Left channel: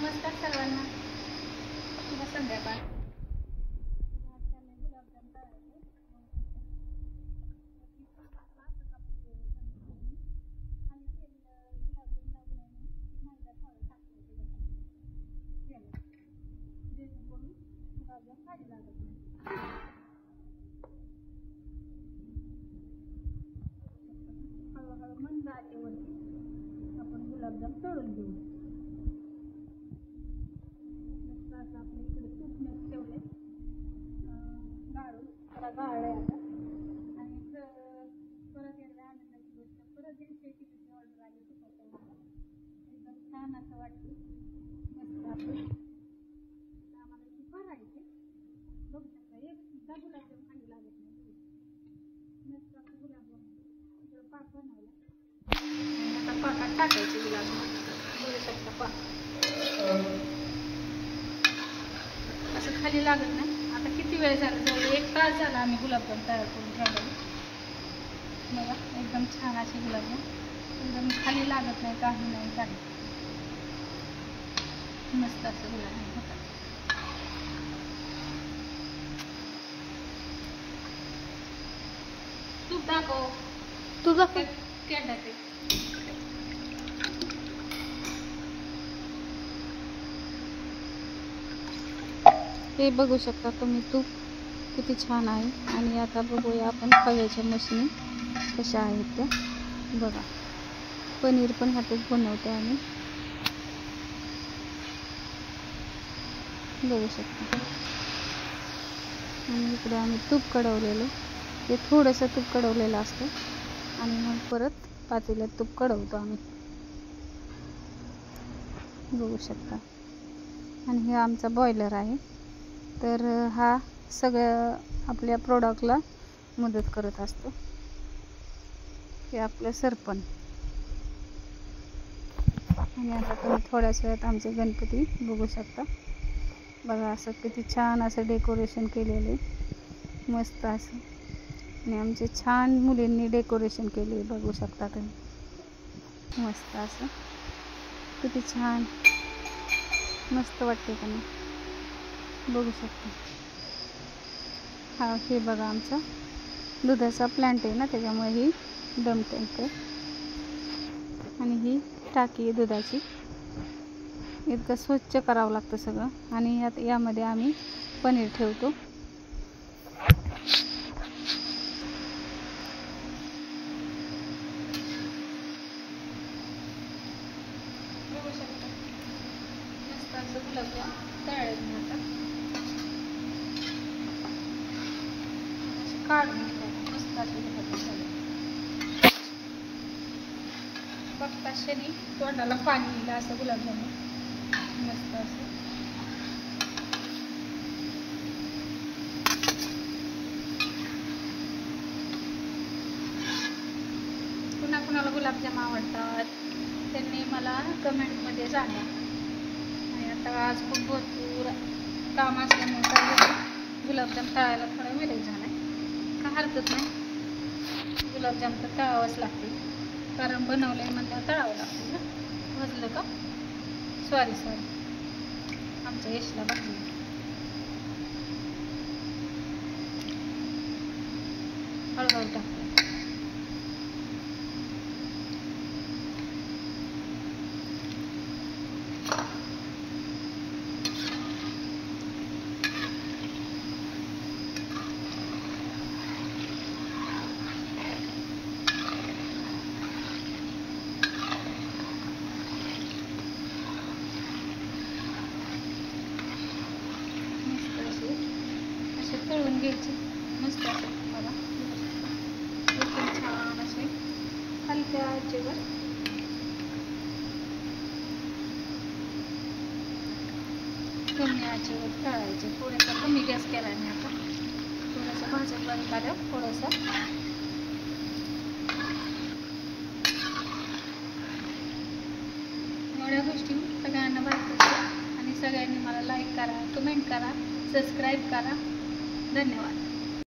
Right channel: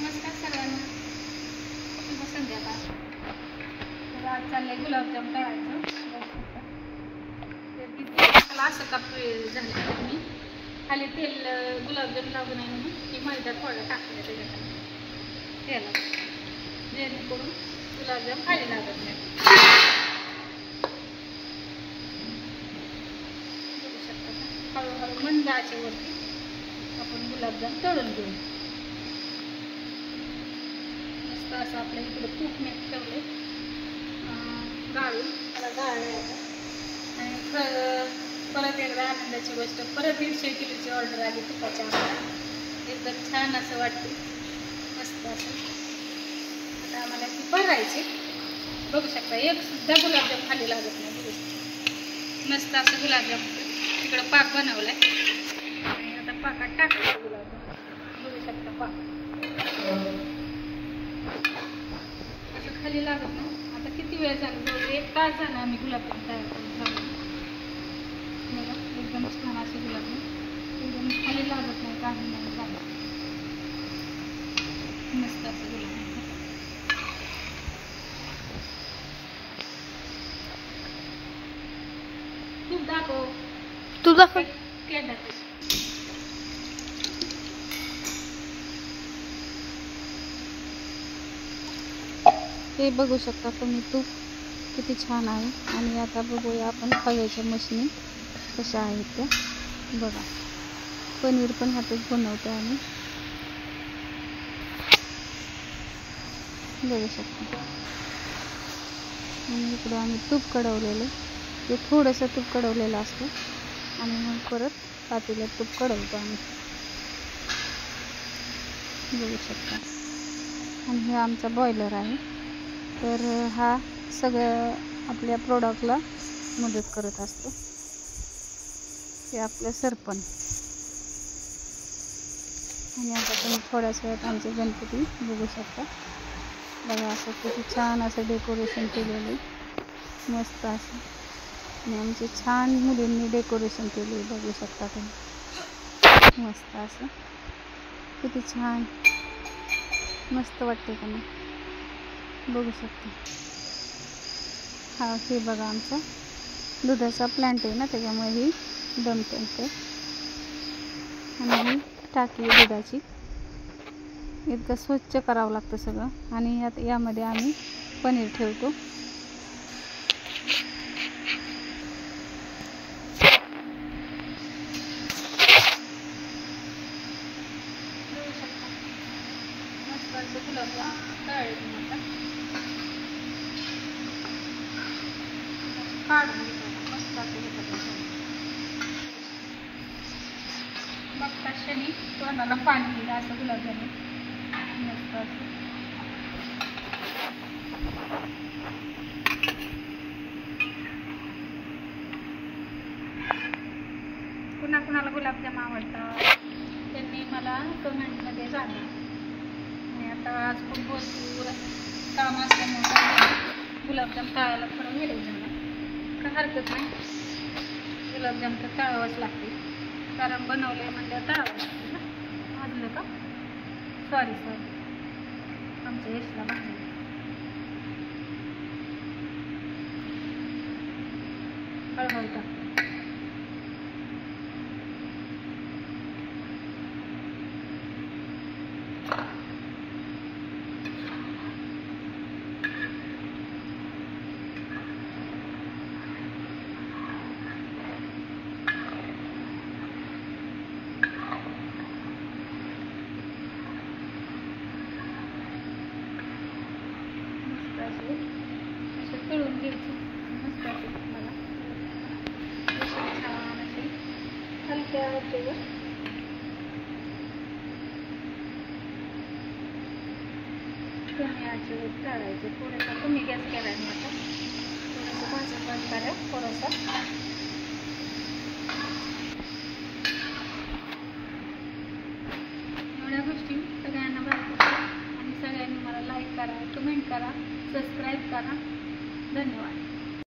नमस्कार सर्वांना, शुभ संध्याकाळ. तर आज चाललंय गुलाबजाम तळायचं. मला असं का झालं मी खाली तेल गुलाबजाम लागू नये म्हणून की मैदा थोडं टाकलं त्याच्यात तेला, जेणेकरून गुलाबजाम खाली लागत नाही. बघू शकता का, हळूहळू मंद आचेवरती आपण गुलाबजाम तळून घेऊ. मस्त असं आपल्या इकडे तूप मीठ ठेवले गाळून, त्याला गाळलं आता. आणि परत एकदा आनंदाची गोष्ट, परत 150 किलोची ऑर्डर आली तुपाच्या आम्हाला. एकदम छान असं वाटते, मस्त असं. आता आम्हाला ती भरायची. बघू शकता, एक सुद्धा गुलाबजाम खाली लागत नाही. बघू मस्त असं गुलाबजाम तिकडं पाक बनवलाय आणि आता पाकात टाकायचं गुलाबजाम. बघू शकता पाक असं खाली लागत नाही. आता किती वेळ झाला, जवळ 1 तास झाला आम्ही गुलाबजाम तयार करून ठेवले. बघा एकदम छान असे गुलाबजाम, एकदम खाली लागत नाही, काही नाही काही. मस्त असं गुलाबजाम होतात. तूप दाखव, तू दाखव. हे बघू शकता तुम्ही, तूप किती छान आहे. आणि आता बघूया आपण खव्याच्या मशनी कशा आहेत त्या. बघा, पनीर पण ह्यातच बनवतो आम्ही. बघू शकता. आणि इकडं आम्ही तूप कडवलेलं, ते थोडंसं तूप कडवलेलं असतं आणि मग परत पातेल्यात तूप कडवतो आम्ही. बघू शकता. आणि हे आमचा बॉयलर आहे. तर हा सगळ्या आपल्या प्रोडक्टला मदत करत असतो. हे आपलं सरपण. आणि आता तुम्ही थोड्याच वेळात आमचे गणपती बघू शकता. बघा असं किती छान असं डेकोरेशन केलेलं आहे, मस्त असं. आणि आमचे छान मुलींनी डेकोरेशन केले, बघू शकता तुम्ही. मस्त असं किती छान, मस्त वाटते का नाही, बघू शकता. हा हे बघा आमचा दुधाचा प्लांट आहे ना, त्याच्यामुळे ही दम टँक आहे. आणि ही टाकी आहे दुधाची. इतकं स्वच्छ करावं लागतं सगळं. आणि यामध्ये आम्ही पनीर ठेवतो. मस्त असं गुलाबजाम तळले काढून घेतात. मस्त असं बघता शनी तोंडाला पाणी दिलं असं गुलाबजाम मस्त असं. कुणाला गुलाबजाम आवडतात त्यांनी मला कमेंटमध्ये सांगा. आणि आता आज खूप भरपूर काम असल्यामुळे गुलाबजाम तळायला थोडा वेळ झाला. का हरकत नाही, गुलाबजाम तर तळावंच लागते, कारण बनवलंय म्हणजे तळावं लागते ना. वाजलं का, सॉरी आमच्या यशला भाजलं. हळूहळू टाक. तळून घ्यायचे मस्त असं. एकदम छान असे हलक्या आचेवर कमी आचेवर तळायचे. थोडासा कमी गॅस केला मी आता, थोडंसं भाजून बंद करा थोडंसं. एवढ्या गोष्टी सगळ्यांना बघा आणि सगळ्यांनी मला लाईक करा, कमेंट करा, सबस्क्राईब करा. धन्यवाद.